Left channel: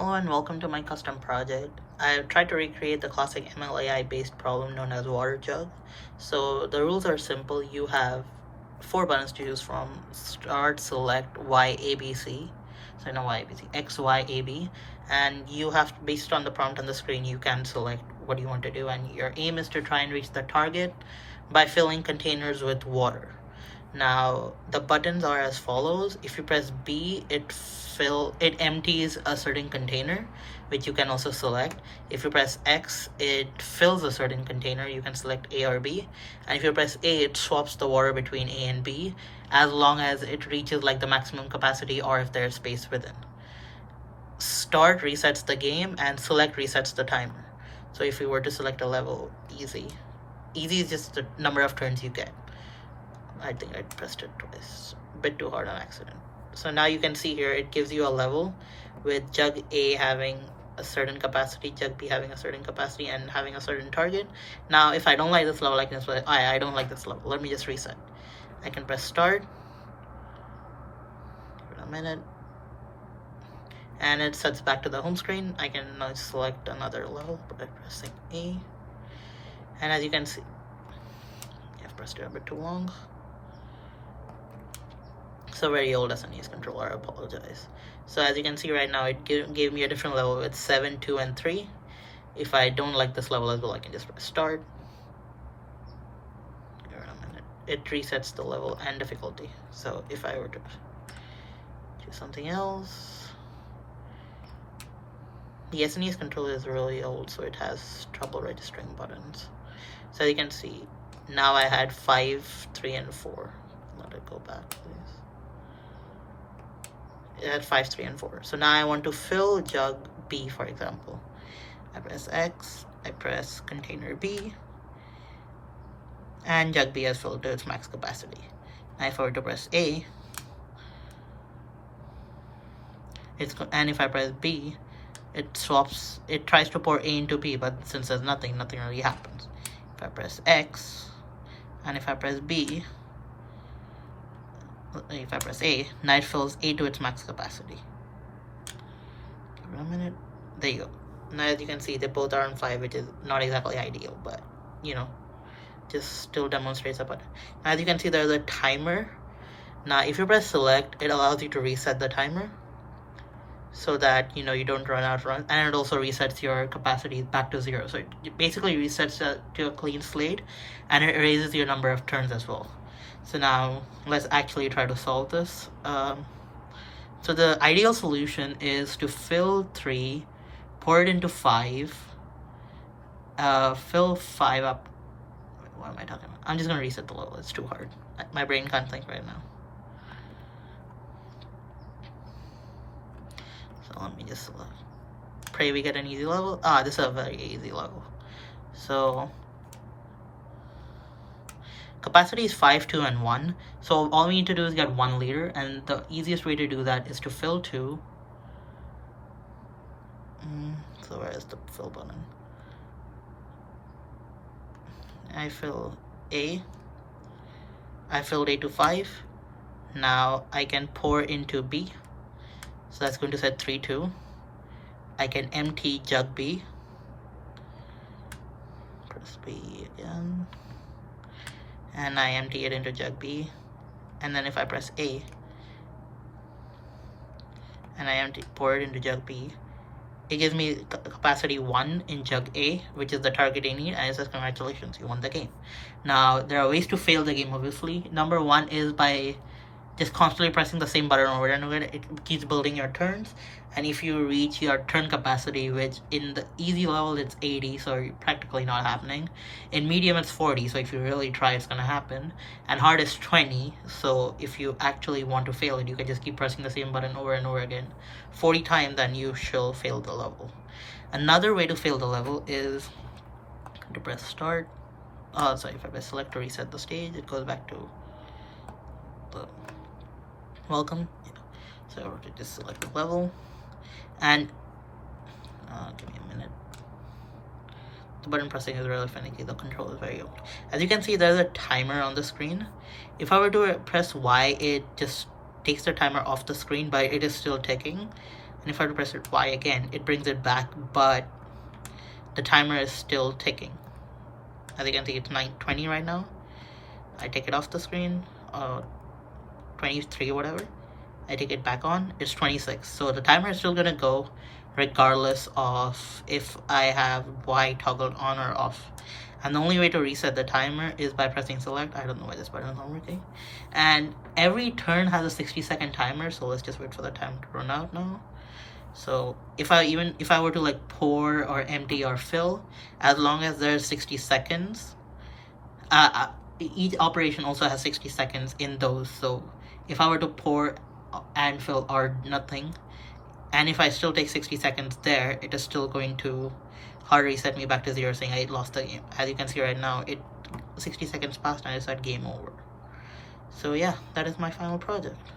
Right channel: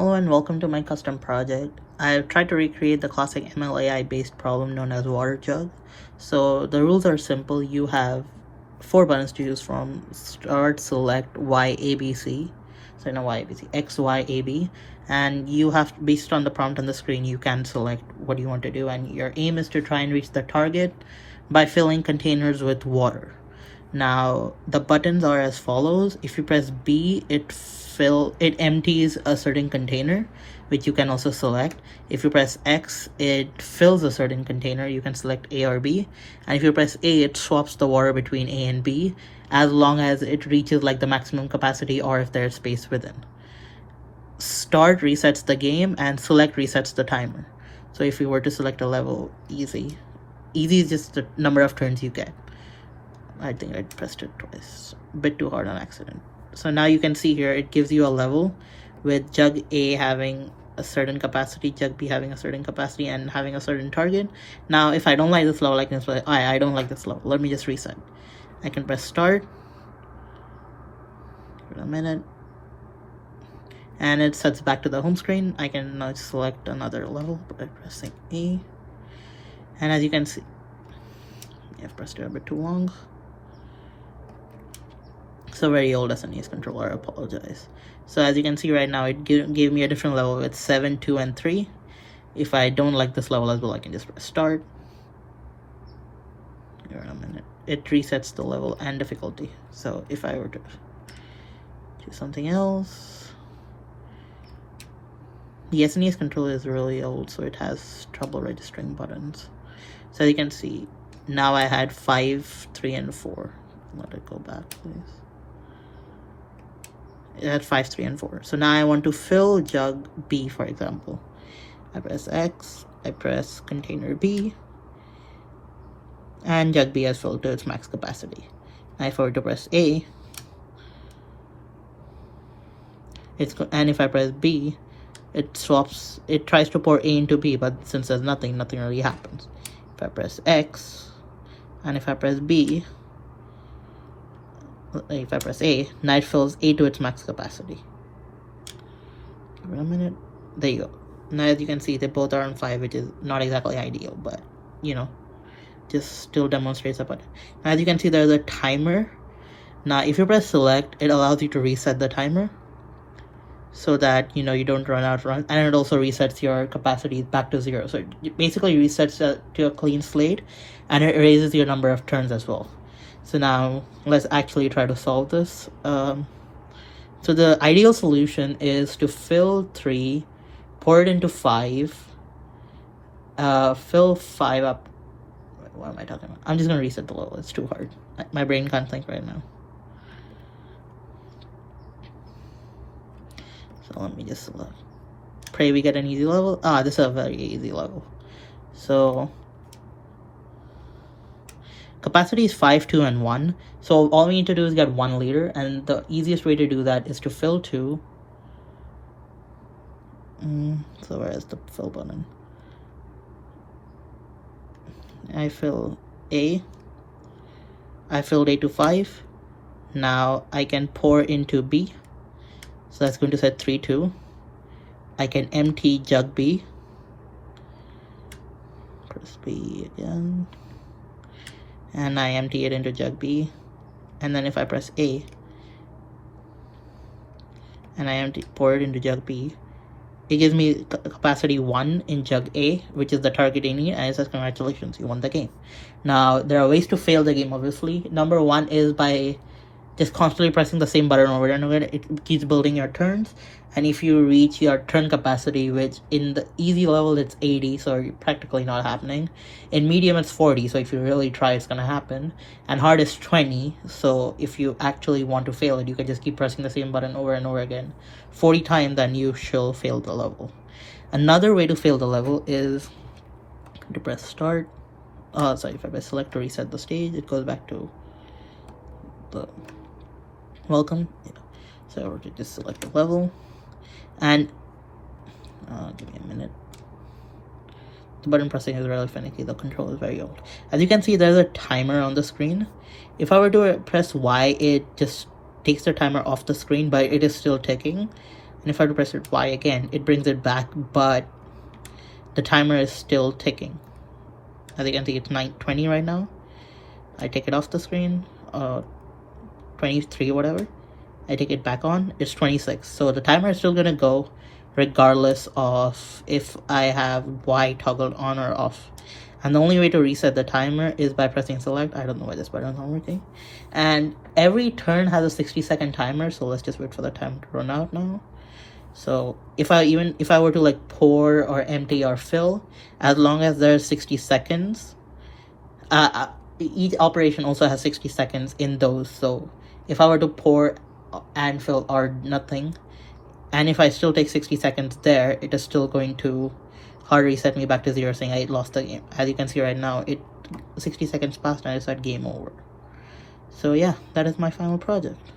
Hello and welcome to my custom project. I've tried to recreate the classic MLAI based problem known as water jug. So the rules are simple. You have 4 buttons to choose from: start, select, Y, ABC. So no Y, ABC, X, Y, AB. And you have, based on the prompt on the screen, you can select what you want to do. And your aim is to try and reach the target by filling containers with water. Now the buttons are as follows. If you press B, it empties a certain container, which you can also select. If you press X, it fills a certain container. You can select A or B. And if you press A, it swaps the water between A and B, as long as it reaches like the maximum capacity or if there's space within. Start resets the game and select resets the timer. So if you were to select a level, easy is just the number of turns you get. I think I pressed it twice, a bit too hard on accident. So now you can see here, it gives you a level with jug A having a certain capacity, jug B having a certain capacity, and having a certain target. Now, if I don't like this level, I can say, I don't like this level. Let me just reset. I can press start. Give it a minute. And it sets back to the home screen. I can now select another level by pressing E. And as you can see, I've pressed it a bit too long. So very old SNES controller, I apologize. So as you can see right now, it gave me a different level with 7, 2, and 3. If I don't like this level as well, I can just press start. Here in a minute. It resets the level and difficulty. So if I were to do something else, the SNES controller is really old, so it has trouble registering buttons. So as you can see, now I had 5, 3, and 4. Let it go back, please. It had 5, 3, and 4. So now I want to fill jug B, for example. I press X, I press container B, and jug B has filled to its max capacity. Now if I were to press A, and if I press B, it swaps, it tries to pour A into B, but since there's nothing really happens. If I press X, and if I press B, if I press A, now it fills A to its max capacity. Give it a minute. There you go. Now as you can see, they both are on 5, which is not exactly ideal, but you know, just still demonstrates a button. As you can see, there's a timer. Now if you press select, it allows you to reset the timer so that you know you don't run out, and it also resets your capacity back to 0. So it basically resets to a clean slate, and it erases your number of turns as well. So now let's actually try to solve this. So the ideal solution is to fill 3, pour it into 5, fill 5 up. Wait, what am I talking about? I'm just gonna reset the level. It's too hard. My brain can't think right now. So let me just pray we get an easy level. This is a very easy level. So capacity is 5, 2, and 1. So all we need to do is get 1 liter, and the easiest way to do that is to fill 2. So where is the fill button? I fill A. I filled A to 5. Now I can pour into B. So that's going to set 3, 2. I can empty jug B. Press B again. And I empty it into jug B, and then if I press A and I pour it into jug B, it gives me capacity 1 in jug A, which is the target I need, and it says congratulations, you won the game. Now there are ways to fail the game, obviously. Number 1 is by just constantly pressing the same button over and over. It keeps building your turns, and if you reach your turn capacity, which in the easy level it's 80, so practically not happening. In medium it's 40, so if you really try, it's gonna happen. And hard is 20, so if you actually want to fail it, you can just keep pressing the same button over and over again 40 times, and you shall fail the level. Another way to fail the level is to press start. If I press select to reset the stage, it goes back to the welcome. So I were to just select the level. And give me a minute. The button pressing is really finicky. The control is very old. As you can see, there's a timer on the screen. If I were to press Y, it just takes the timer off the screen, but it is still ticking. And if I were to press Y again, it brings it back, but the timer is still ticking. As you can see, it's 9:20 right now. I take it off the screen, 23, whatever. I take it back on, it's 26. So the timer is still gonna go regardless of if I have Y toggled on or off. And the only way to reset the timer is by pressing select. I don't know why this button is not working. And every turn has a 60-second timer, so let's just wait for the timer to run out now. So if I were to like pour or empty or fill, as long as there's 60 seconds, each operation also has 60 seconds in those. So if I were to pour and fill or nothing, and if I still take 60 seconds there, it is still going to hard reset me back to 0, saying I lost the game. As you can see right now, 60 seconds passed and I said game over. So yeah, that is my final project.